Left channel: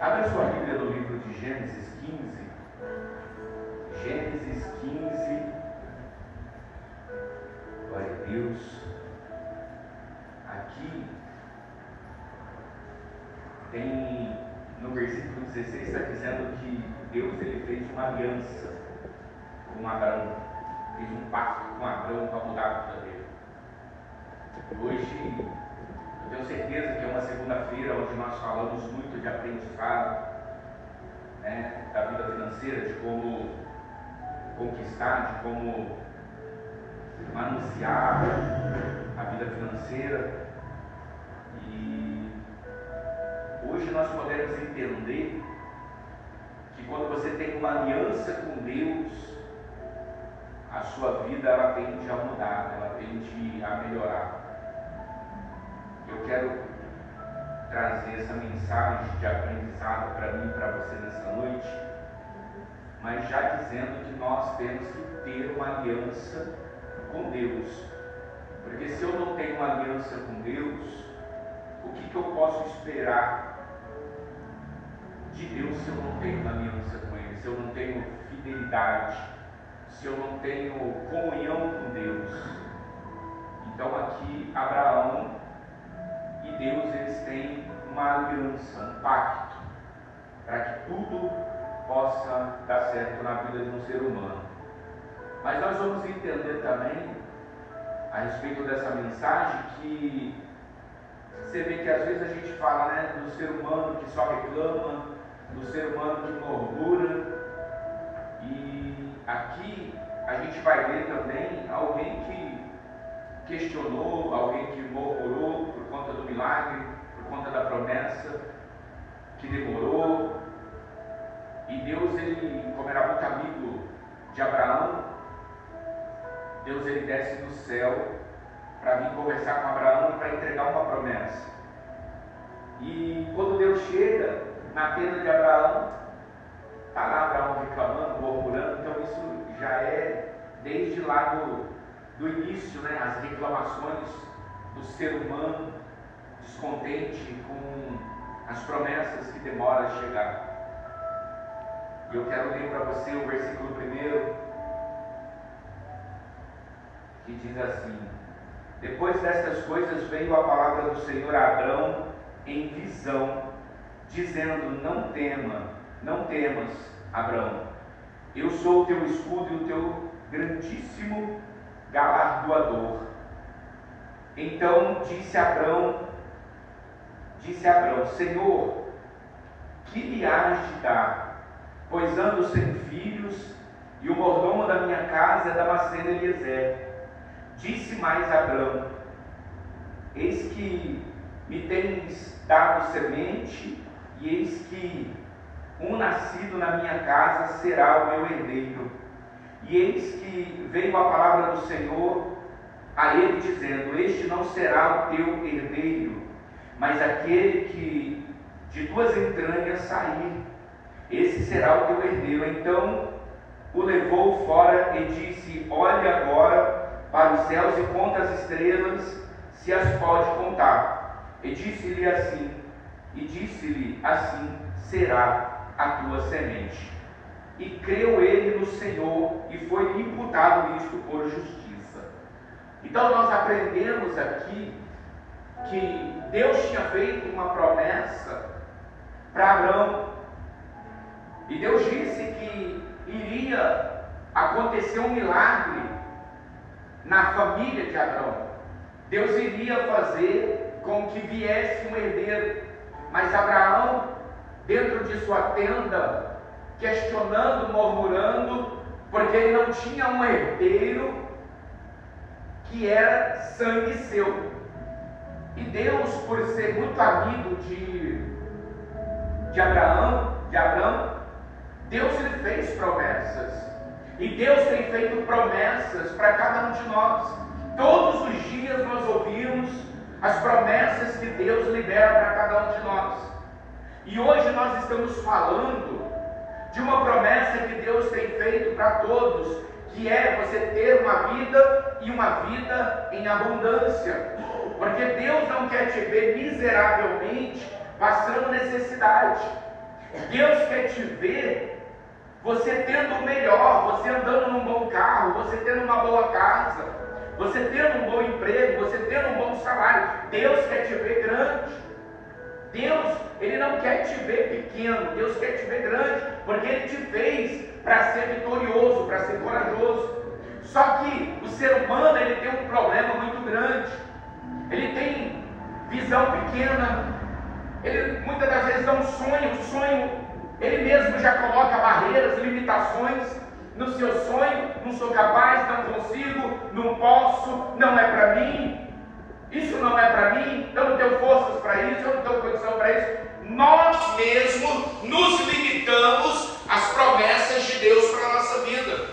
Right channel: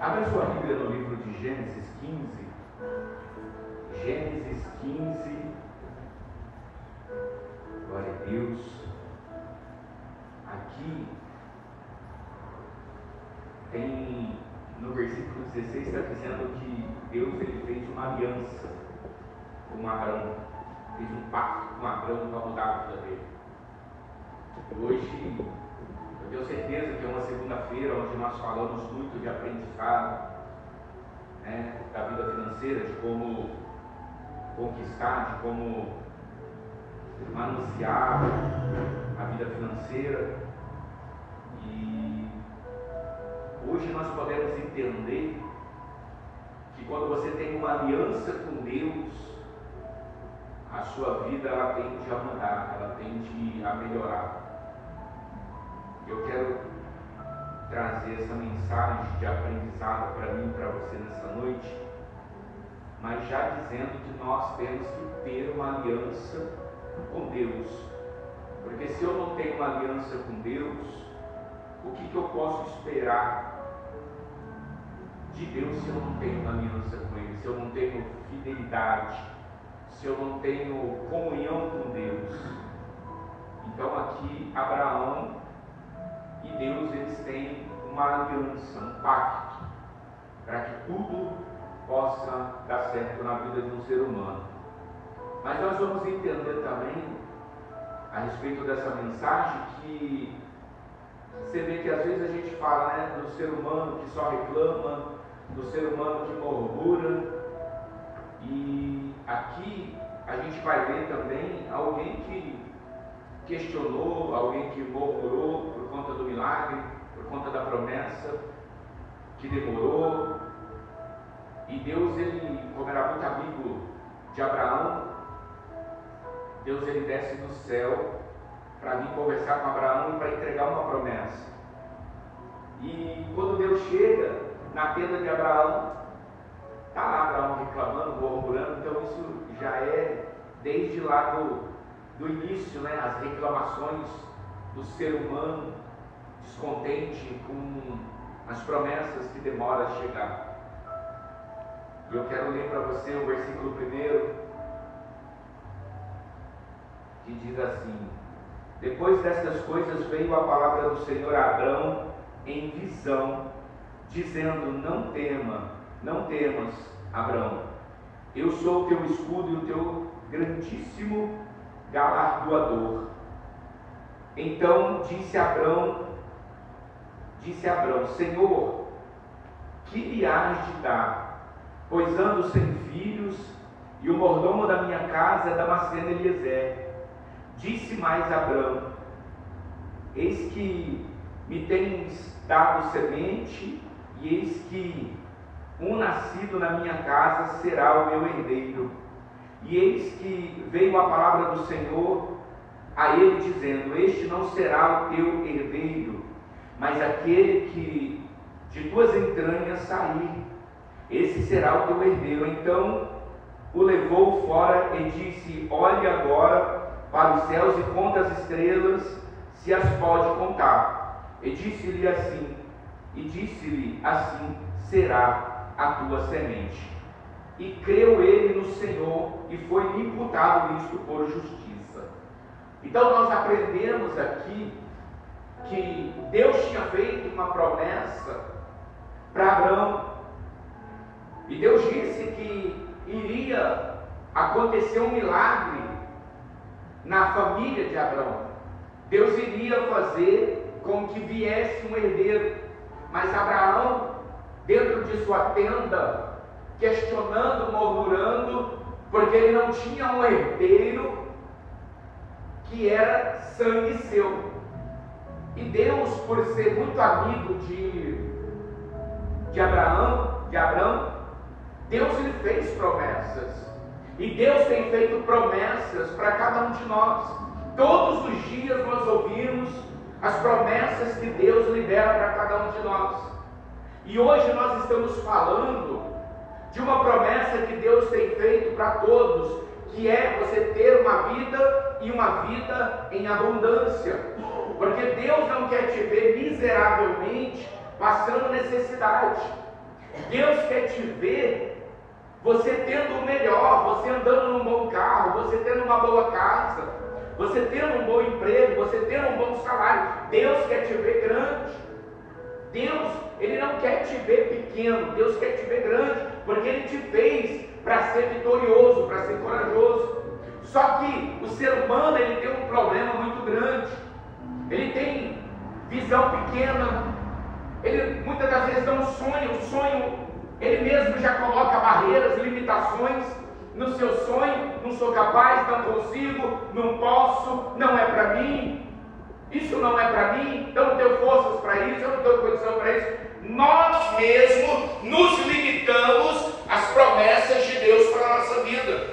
Abra sua Bíblia no livro de Gênesis 15. Gênesis 15. Glória a Deus. Aqui tem, no versículo 16, está dizendo que Deus ele fez uma aliança com Abraão. Fez um pacto com Abraão para mudar a vida dele. Hoje, eu tenho certeza que é uma segunda-feira onde nós falamos muito de aprendizado, né, da vida financeira, de como conquistar, de como manusear a vida financeira. E hoje nós podemos entender que quando você tem uma aliança com Deus, a sua vida ela tende a mudar, ela tende a melhorar. Eu quero trazer essa mensagem de aprendizado para mim e para você nessa noite, mas já dizendo que nós temos que ter uma aliança com Deus, porque se eu não tenho uma aliança com Deus, o que eu posso esperar de Deus se eu não tenho uma aliança com Ele, se eu não tenho fidelidade, se eu não tenho comunhão com Deus? Então aqui Abraão e Deus, eles têm uma aliança, um pacto, para que tudo possa dar certo na vida de um ser humano. Mas nós vamos entender também, a respeito dessa mensagem, que você vê que às vezes a gente fala, né, do ser humano que só reclama, do ser humano que murmura, e aqui a gente vai ver também alguém que questionou, alguém que murmurou por conta do milagre, por conta da promessa que demorou. E Deus, ele, como era muito amigo de Abraão, Deus ele desce do céu para vir conversar com Abraão e para entregar uma promessa. E quando Deus chega na tenda de Abraão, está lá Abraão reclamando, murmurando. Então isso já é desde lá do início, né, as reclamações do ser humano descontente com as promessas que demoram a chegar. E eu quero ler para você o versículo 1, que diz assim: depois destas coisas veio a palavra do Senhor a Abrão em visão, dizendo: não temas, Abrão, eu sou o teu escudo e o teu grandíssimo galardoador. Então disse Abrão: Senhor, que lhe hás de dar? Pois ando sem filhos, e o mordomo da minha casa é Damasceno Eliezer. Disse mais Abrão: eis que me tens dado semente, e eis que um nascido na minha casa será o meu herdeiro. E eis que veio a palavra do Senhor a ele, dizendo: este não será o teu herdeiro, mas aquele que de tuas entranhas sair, esse será o teu herdeiro. Então o levou fora e disse: olhe agora para os céus e conta as estrelas, se as pode contar. E disse-lhe assim será a tua semente. E creu ele no Senhor, e foi imputado isto por justiça. Então nós aprendemos aqui que Deus tinha feito uma promessa para Abrão, e Deus disse que iria acontecer um milagre na família de Abrão. Deus iria fazer com que viesse um herdeiro. Mas Abraão, dentro de sua tenda, questionando, murmurando, porque ele não tinha um herdeiro que era sangue seu. E Deus, por ser muito amigo de Abraão, Deus lhe fez promessas. E Deus tem feito promessas para cada um de nós. Todos os dias nós ouvimos as promessas que Deus libera para cada um de nós. E hoje nós estamos falando de uma promessa que Deus tem feito para todos, que é você ter uma vida e uma vida em abundância. Porque Deus não quer te ver miseravelmente passando necessidade. Deus quer te ver você tendo o melhor, você andando num bom carro, você tendo uma boa casa, você tendo um bom emprego, você tendo um bom salário. Deus quer te ver grande. Deus, Ele não quer te ver pequeno, Deus quer te ver grande, porque Ele te fez para ser vitorioso, para ser corajoso. Só que o ser humano, ele tem um problema muito grande. Ele tem visão pequena. Ele muitas das vezes não sonha. O sonho, ele mesmo já coloca barreiras, limitações no seu sonho. Não sou capaz, não consigo, não posso, não é para mim. Isso não é para mim, eu não tenho forças para isso, eu não tenho condição para isso. Nós mesmos nos limitamos às promessas de Deus para a nossa vida.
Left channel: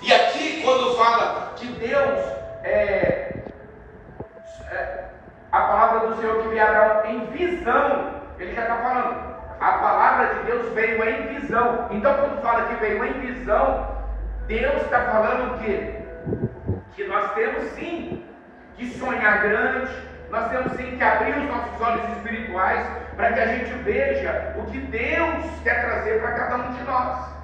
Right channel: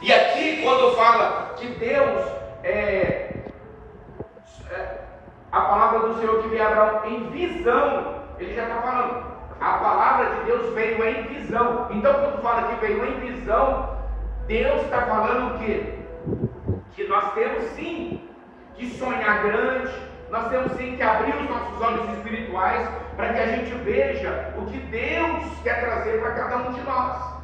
E aqui, quando fala que Deus a palavra do Senhor que virá em visão, Ele já está falando, a palavra de Deus veio em visão. Então, quando fala que veio em visão, Deus está falando o quê? Que nós temos sim que sonhar grande, nós temos sim que abrir os nossos olhos espirituais para que a gente veja o que Deus quer trazer para cada um de nós.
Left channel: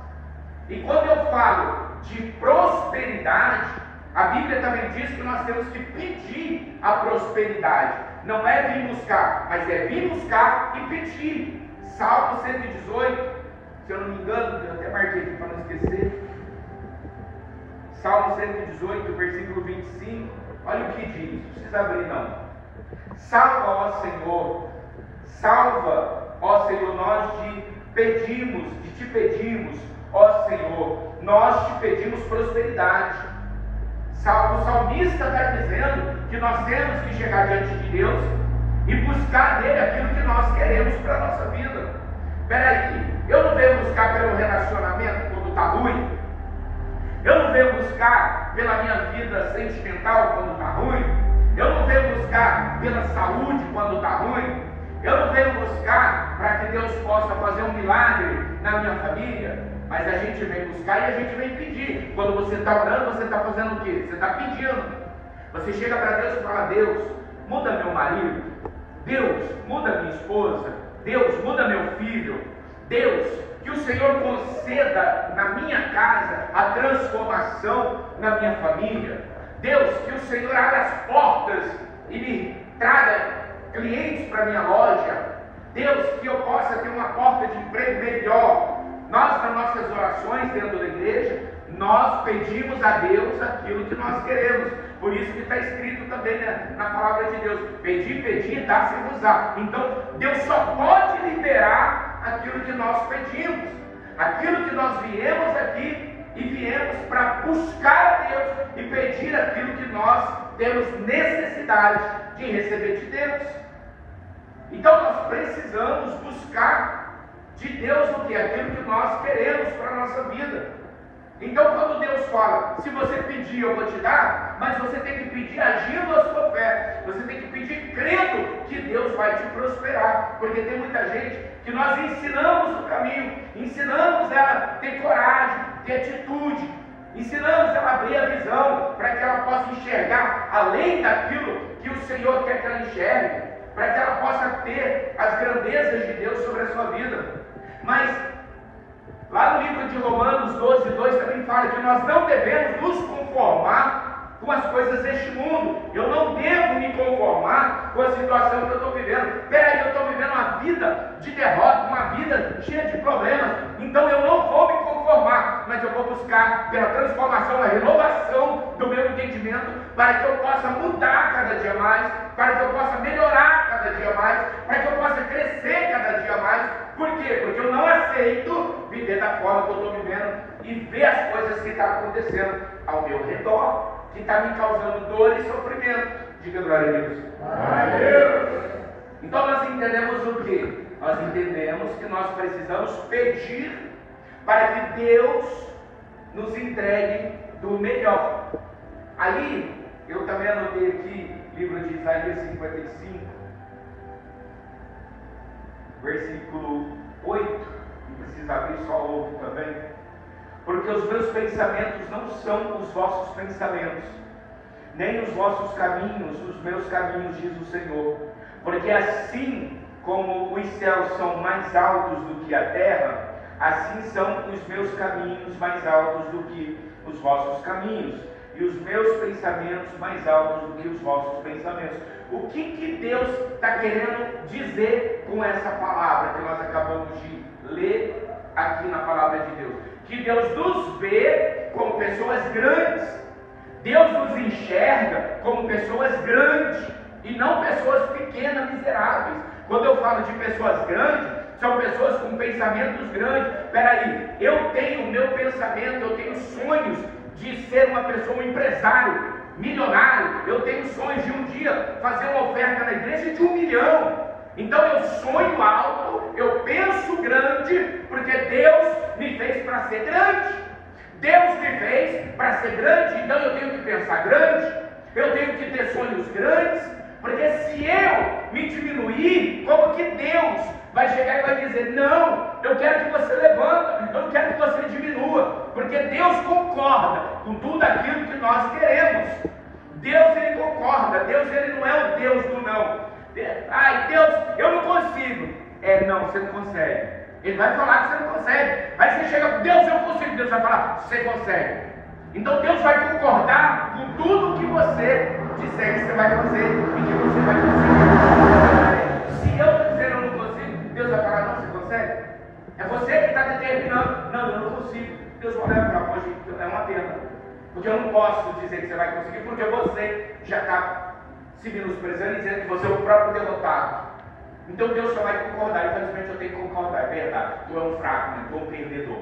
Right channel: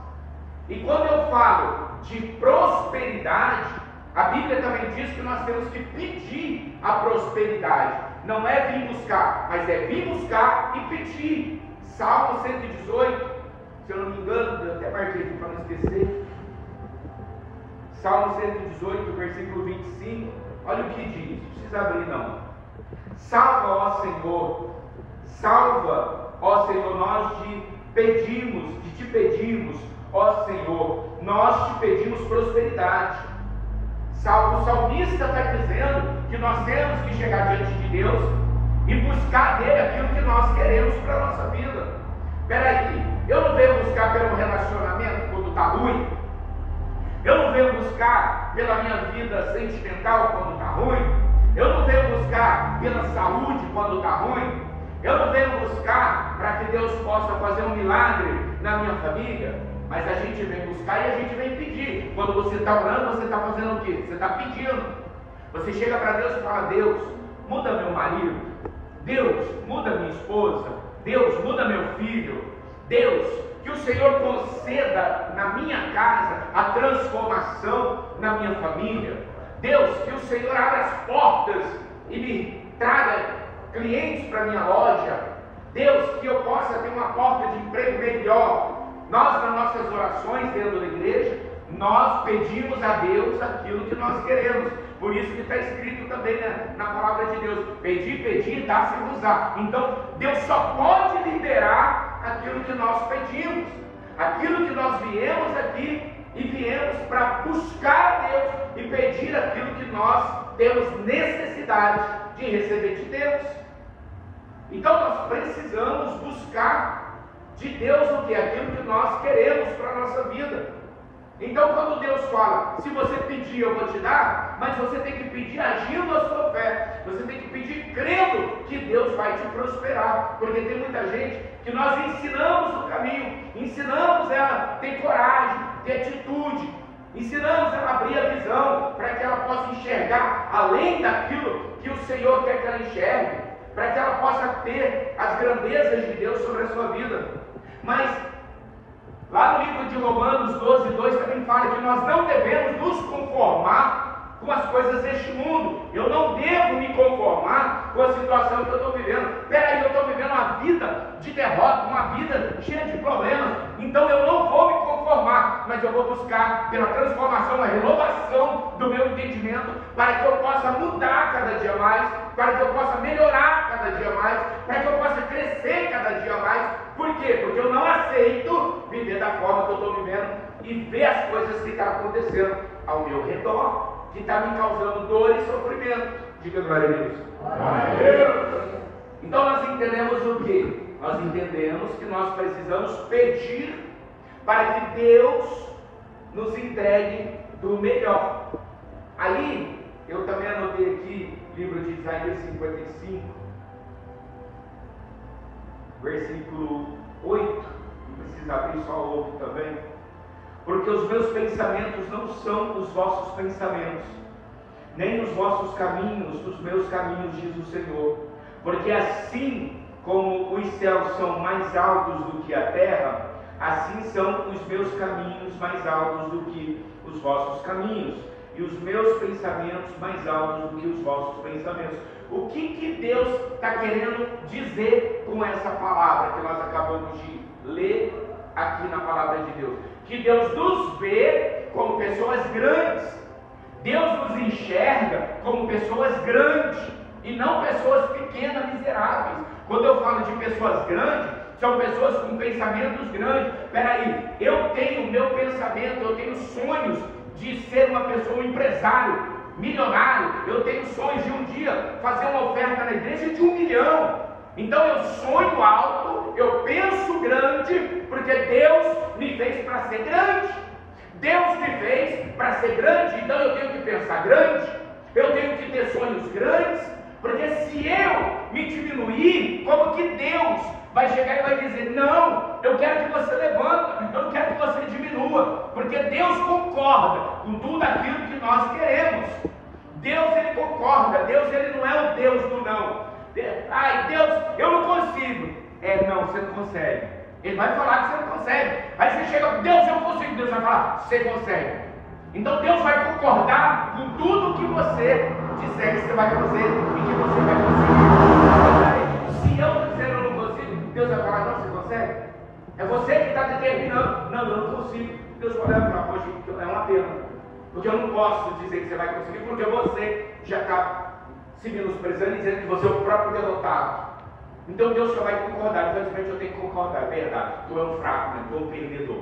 E quando eu falo de prosperidade, a Bíblia também diz que nós temos que pedir a prosperidade. Não é vir buscar, mas é vir buscar e pedir. Salmo 118, se eu não me engano, eu até marquei aqui para não esquecer. Salmo 118, versículo 25, olha o que diz, não precisa abrir não. Salva, ó Senhor, nós te pedimos, ó Senhor, nós te pedimos prosperidade. O salmista está dizendo que nós temos que chegar diante de Deus e buscar dele aquilo que nós queremos para a nossa vida. Espera aí, eu não venho buscar pelo relacionamento quando está ruim, eu não venho buscar pela minha vida sentimental quando está ruim, eu não venho buscar pela saúde quando está ruim, eu não venho buscar para que Deus possa fazer um milagre na minha família. Mas a gente vem buscar e a gente vem pedir. Quando você está orando, você está fazendo o quê? Você está pedindo. Você chega para Deus e fala: Deus, muda meu marido. Deus, muda minha esposa. Deus, muda meu filho. Deus, que o Senhor conceda na minha casa a transformação na minha família. Deus, que o Senhor abra as portas e me traga clientes para minha loja. Deus, que eu possa ter uma porta de emprego melhor. Nós, nas nossas orações dentro da igreja, nós pedimos a Deus aquilo que nós queremos. Por isso que está escrito também na palavra de Deus: pedir, dá-se-vos-á. Então, Deus só pode liberar aquilo que nós pedimos, aquilo que nós viemos aqui e viemos para buscar a Deus e pedir aquilo que nós temos necessidade de receber de Deus. Então, nós precisamos buscar de Deus o que? Aquilo que nós queremos para a nossa vida. Então, quando Deus fala, se você pedir eu vou te dar, mas você tem que pedir agindo a sua fé, você tem que pedir crendo que Deus vai te prosperar, porque tem muita gente que nós ensinamos o caminho, ensinamos ela a ter coragem, ter atitude, ensinamos ela a abrir a visão, para que ela possa enxergar além daquilo que o Senhor quer que ela enxergue, para que ela possa ter as grandezas de Deus sobre a sua vida. Mas lá no livro de Romanos 12:2 também fala que nós não devemos nos conformar com as coisas deste mundo. Eu não devo me conformar com a situação que eu estou vivendo. Peraí, eu estou vivendo uma vida de derrota, uma vida cheia de problemas. Então eu não vou me conformar, mas eu vou buscar pela transformação, a renovação do meu entendimento, para que eu possa mudar cada dia mais, para que eu possa melhorar cada dia mais, para que eu possa crescer cada dia mais. Por quê? Porque eu não aceito viver da forma que eu estou vivendo e ver as coisas que estão acontecendo ao meu redor, que está me causando dor e sofrimento. Diga glória a Deus. Amém. Então nós entendemos o quê? Nós entendemos que nós precisamos pedir para que Deus nos entregue do melhor. Aí, eu também anotei aqui, livro de Isaías 55, versículo 8, não precisa abrir, só ouve também. Porque os meus pensamentos não são os vossos pensamentos, nem os vossos caminhos, os meus caminhos, diz o Senhor. Porque assim como os céus são mais altos do que a terra, assim são os meus caminhos mais altos do que os vossos caminhos, e os meus pensamentos mais altos do que os vossos pensamentos. O que Deus está querendo dizer com essa palavra que nós acabamos de ler aqui na palavra de Deus? Que Deus nos vê como pessoas grandes. Deus nos enxerga como pessoas grandes e não pessoas pequenas, miseráveis. Quando eu falo de pessoas grandes, são pessoas com pensamentos grandes. Espera aí, eu tenho meu pensamento, eu tenho sonhos de ser uma pessoa, um empresário, milionário. Eu tenho sonhos de um dia fazer uma oferta na igreja de 1 milhão. Então eu sonho alto, eu penso grande, porque Deus me fez para ser grande. Deus me fez para ser grande, então eu tenho que pensar grande, eu tenho que ter sonhos grandes, porque se eu me diminuir, como que Deus vai chegar e vai dizer: não, eu quero que você levanta, eu não quero que você diminua, porque Deus concorda com tudo aquilo que nós queremos. Deus, ele concorda. Deus, ele não é o Deus do não. Ai, Deus, eu não consigo. Não, você não consegue. Ele vai falar que você não consegue. Aí você chega, Deus, eu consigo. Deus vai falar, você consegue. Então Deus vai concordar com tudo que você disser que você vai fazer e que você vai conseguir. Se eu estou dizendo eu não consigo, Deus vai falar, não, você consegue? É você que está determinando. Não, eu não consigo. Deus vai olhar e falar, poxa, é uma pena, porque eu não posso dizer que você vai conseguir, porque você já está se menosprezando e dizendo que você é o próprio derrotado. Então Deus só vai concordar. Infelizmente eu tenho que concordar, é verdade, tu é um fraco, tu é um perdedor.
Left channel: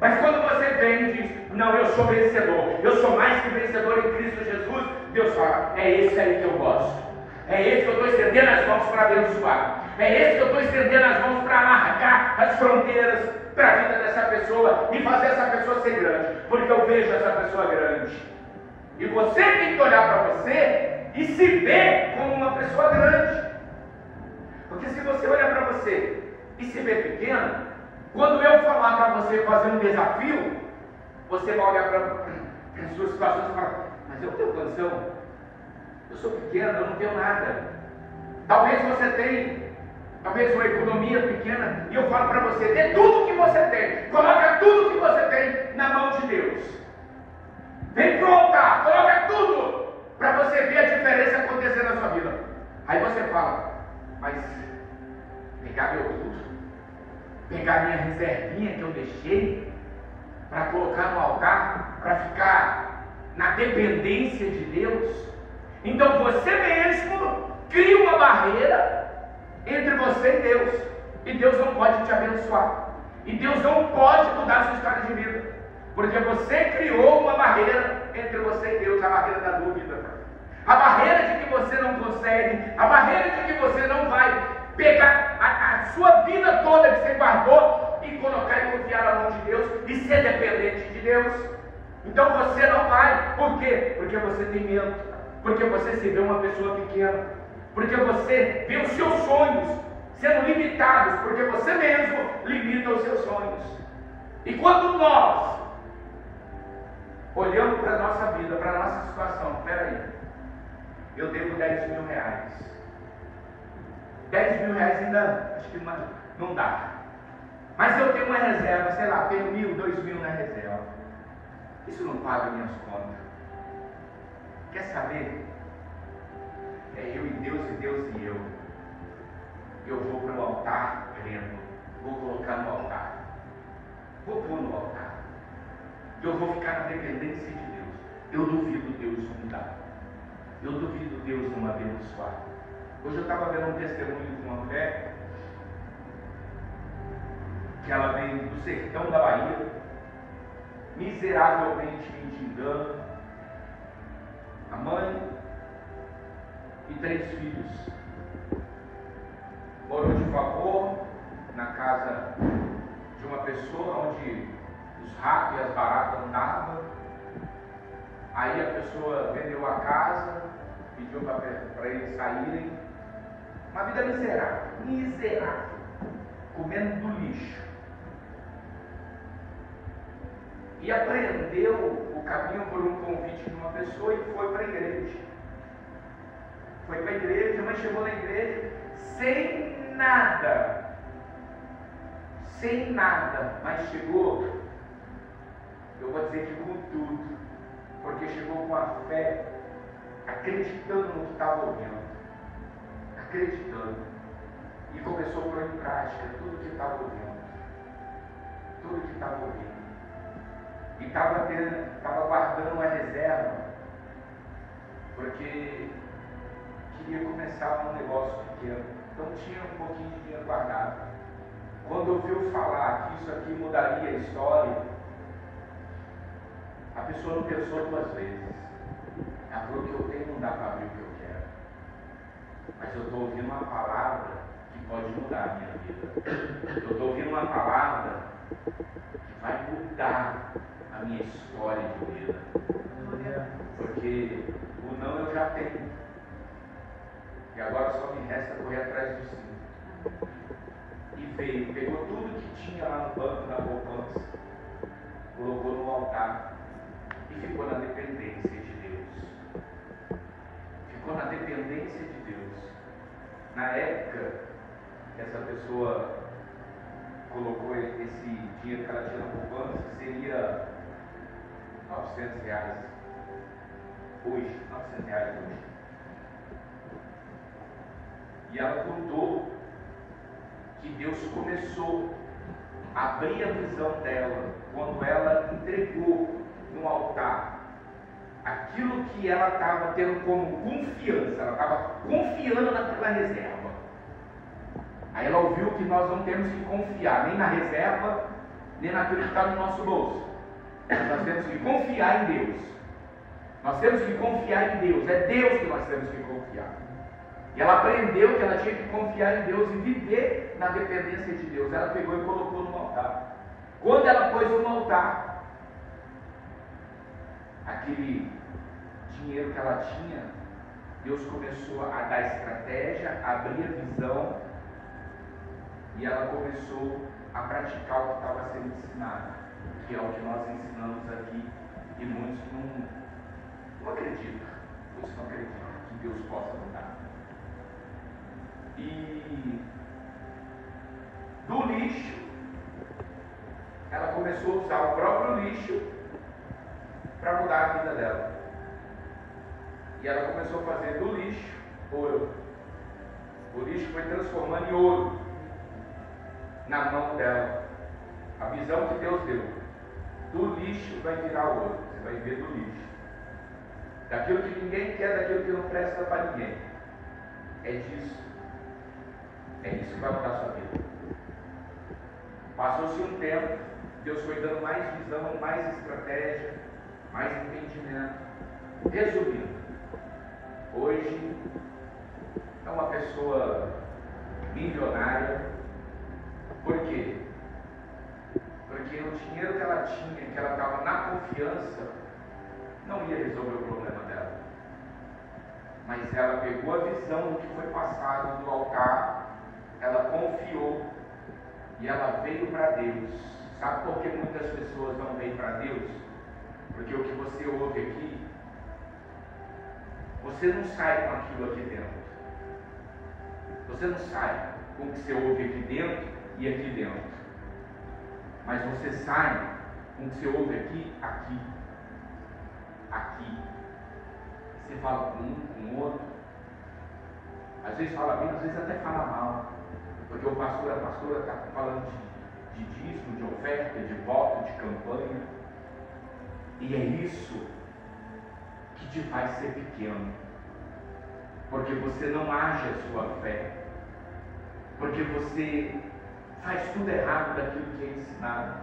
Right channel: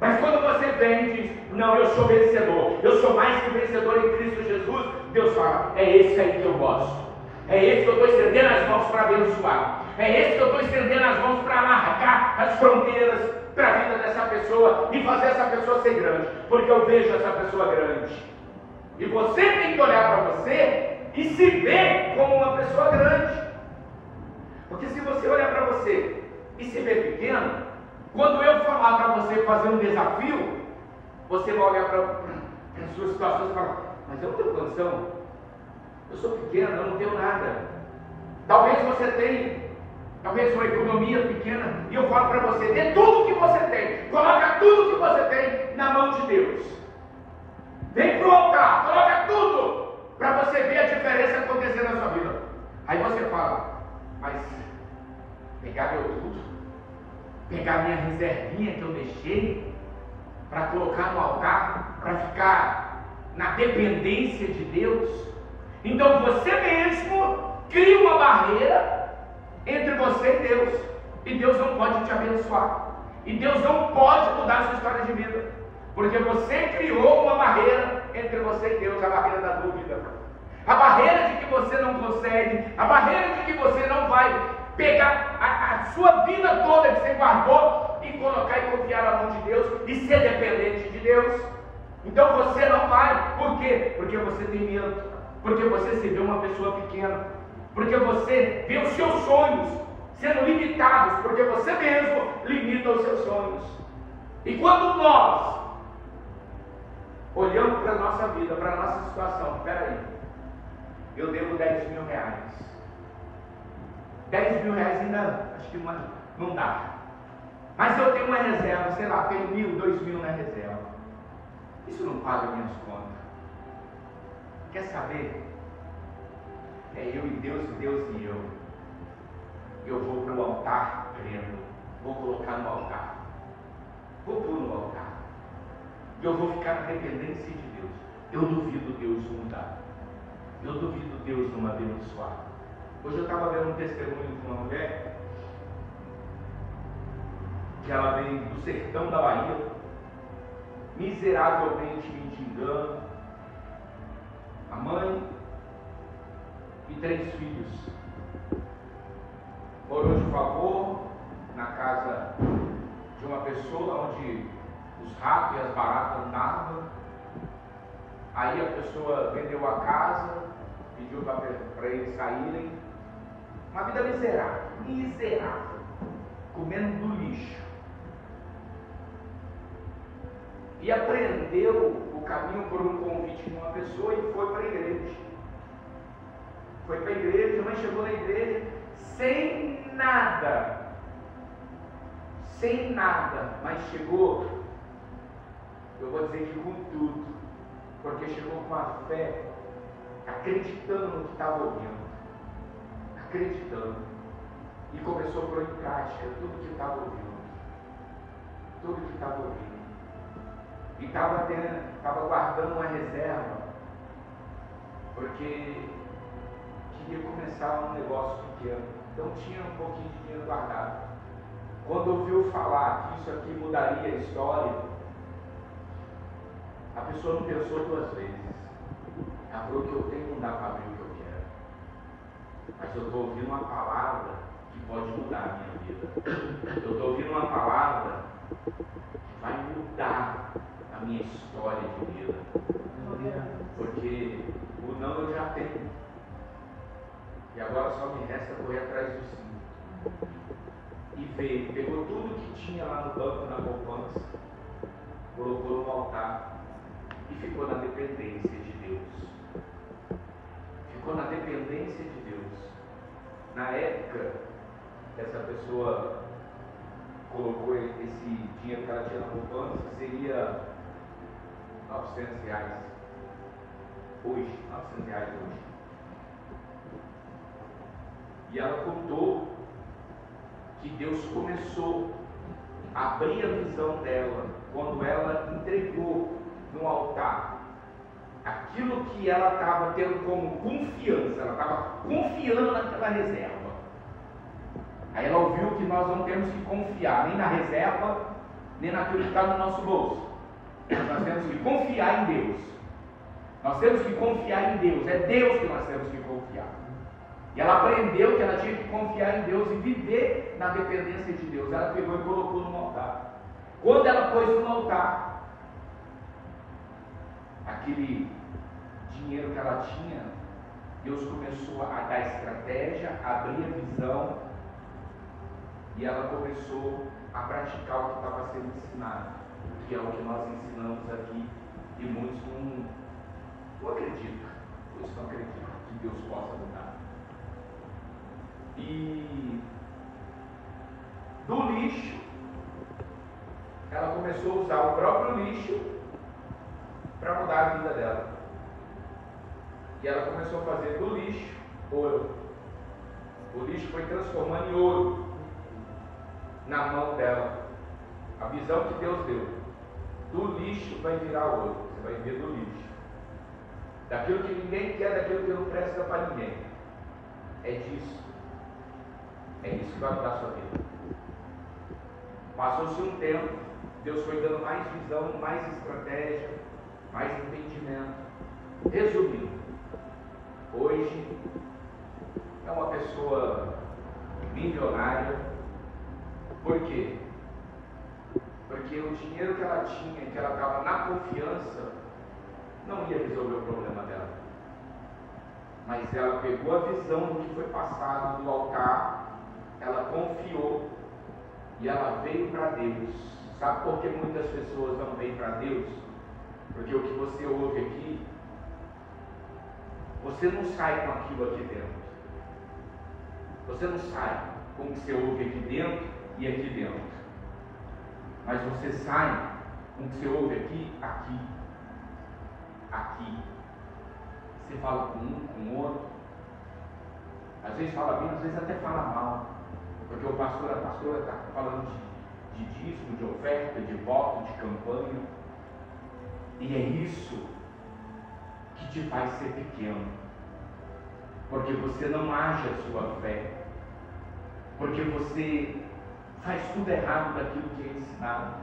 Mas quando você vem e diz, não, eu sou vencedor, eu sou mais que vencedor em Cristo Jesus, Deus fala, é esse aí que eu gosto, é esse que eu estou estendendo as mãos para abençoar, é esse que eu estou estendendo as mãos para alargar as fronteiras para a vida dessa pessoa e fazer essa pessoa ser grande, porque eu vejo essa pessoa grande. E você tem que olhar para você e se ver como uma pessoa grande. Porque se você olhar para você e se ver pequeno, quando eu falar para você fazer um desafio, você vai olhar para as suas situações e falar, mas eu não tenho condição, eu sou pequeno, eu não tenho nada. Talvez você tenha, talvez uma economia pequena, e eu falo para você, dê tudo que você tem, coloca tudo que você tem na mão de Deus. Vem para o altar, coloca tudo, para você ver a diferença acontecer na sua vida. Aí você fala, mas pegar meu tudo, pegar minha reservinha que eu deixei, para colocar no altar, para ficar na dependência de Deus. Então você mesmo cria uma barreira entre você e Deus, e Deus não pode te abençoar, e Deus não pode mudar a sua história de vida, porque você criou uma barreira entre você e Deus, a barreira da dúvida, a barreira de que você não consegue, a barreira de que você não vai pegar a sua vida toda que você guardou e colocar e confiar na mão de Deus e ser dependente de Deus. Então você não vai. Por quê? Porque você tem medo, porque você se vê uma pessoa pequena, porque você vê os seus sonhos sendo limitados, porque você mesmo limita os seus sonhos. E quando nós olhamos para a nossa vida, para a nossa situação, peraí, eu devo 10 mil reais. 10 mil reais ainda, acho que não dá. Mas eu tenho uma reserva, sei lá, tenho 1.000, 2.000 na reserva. Isso não paga minhas contas. Quer saber? É eu e Deus e eu. Eu vou para o altar crendo. Vou colocar no altar. Vou pôr no altar. Eu vou ficar na dependência de Deus. Eu duvido Deus mudar. Eu duvido Deus não abençoar. Hoje eu estava vendo um testemunho de uma mulher que ela vem do sertão da Bahia, miseravelmente mendigando, a mãe e 3 filhos. Morou de favor na casa de uma pessoa onde os ratos e as baratas andavam. Aí a pessoa vendeu a casa, pediu para eles saírem. Uma vida miserável, comendo do lixo. E aprendeu o caminho por um convite de uma pessoa e foi para a igreja. Foi para a igreja, mas chegou na igreja sem sem nada, mas chegou, eu vou dizer que com tudo, porque chegou com a fé, acreditando no que estava ouvindo, acreditando, e começou a pôr em prática tudo que estava ouvindo, e estava guardando uma reserva, porque queria começar um negócio pequeno, então tinha um pouquinho de dinheiro guardado. Quando ouviu falar que isso aqui mudaria a história, a pessoa não pensou duas vezes. Ela falou: o que eu tenho não dá para abrir o que eu quero, mas eu estou ouvindo uma palavra que pode mudar a minha vida. Eu estou ouvindo uma palavra que vai mudar a minha história de vida, porque o não eu já tenho, e agora só me resta correr atrás do sim. E veio, pegou tudo que tinha lá no banco, na poupança, colocou no altar e ficou na dependência de Deus. Ficou na dependência de Deus. Na época, essa pessoa colocou esse dinheiro que ela tinha na poupança, que seria R$900 hoje, R$900 hoje. E ela contou que Deus começou a abrir a visão dela quando ela entregou no altar aquilo que ela estava tendo como confiança, ela estava confiando naquela reserva. Aí ela ouviu que nós não temos que confiar nem na reserva, nem naquilo que está no nosso bolso. Nós temos que confiar em Deus. Nós temos que confiar em Deus. É Deus que nós temos que confiar. E ela aprendeu que ela tinha que confiar em Deus e viver na dependência de Deus. Ela pegou e colocou no altar. Quando ela pôs no altar, aquele dinheiro que ela tinha, Deus começou a dar estratégia, a abrir a visão, e ela começou a praticar o que estava sendo ensinado, que é o que nós ensinamos aqui, e muitos não acreditam. Muitos não acreditam que Deus possa mudar. E do lixo, ela começou a usar o próprio lixo para mudar a vida dela. E ela começou a fazer do lixo ouro. O lixo foi transformando em ouro na mão dela. A visão que Deus deu: do lixo vai virar ouro. Você vai ver do lixo, daquilo que ninguém quer, daquilo que não presta para ninguém. É disso. É isso que vai mudar a sua vida. Passou-se um tempo, Deus foi dando mais visão, mais estratégia, mais entendimento. Resumindo, hoje é uma pessoa milionária. Por quê? Porque o dinheiro que ela tinha, que ela estava na confiança, não ia resolver o problema dela. Mas ela pegou a visão que foi passado do altar, ela confiou e ela veio para Deus. Sabe por que muitas pessoas não vêm para Deus? Porque o que você ouve aqui, você não sai com aquilo aqui dentro. Você não sai com o que você ouve aqui dentro e aqui dentro. Mas você sai com o que você ouve aqui, aqui. Você fala com um, com o outro. Às vezes fala bem, às vezes até fala mal. Porque o pastor, a pastora está falando de dízimo, de oferta, de voto, de campanha. E é isso que te faz ser pequeno. Porque você não age a sua fé. Porque você faz tudo errado daquilo que é ensinado.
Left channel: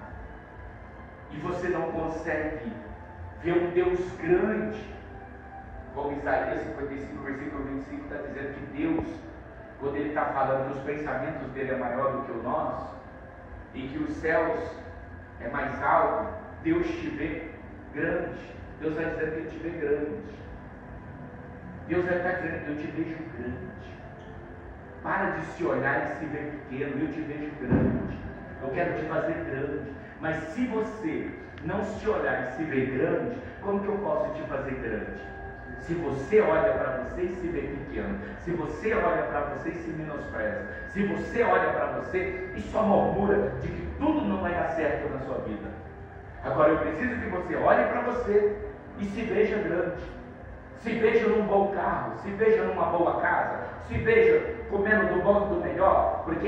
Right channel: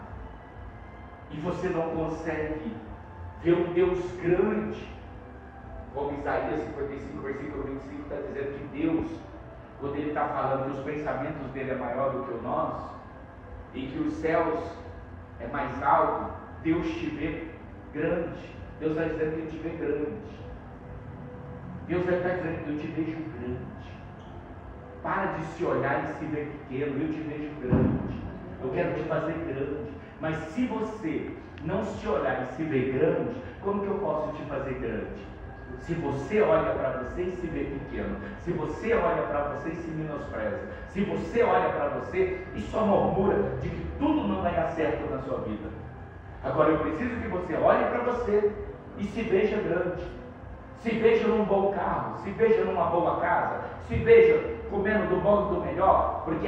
E você não consegue ver um Deus grande. Como Isaías 55, versículo 25 está dizendo que Deus, quando Ele está falando que os pensamentos dele é maior do que o nosso, e que os céus é mais alto, Deus te vê grande. Deus está dizendo que Ele te vê grande. Deus está dizendo: eu te vejo grande. Para de se olhar e se ver pequeno. Eu te vejo grande. Eu quero te fazer grande. Mas se você não se olhar e se ver grande, como que eu posso te fazer grande? Se você olha para você e se vê pequeno, se você olha para você e se menospreza, se você olha para você e só murmura de que tudo não vai dar certo na sua vida. Agora eu preciso que você olhe para você e se veja grande, se veja num bom carro, se veja numa boa casa, se veja comendo do bom e do melhor, porque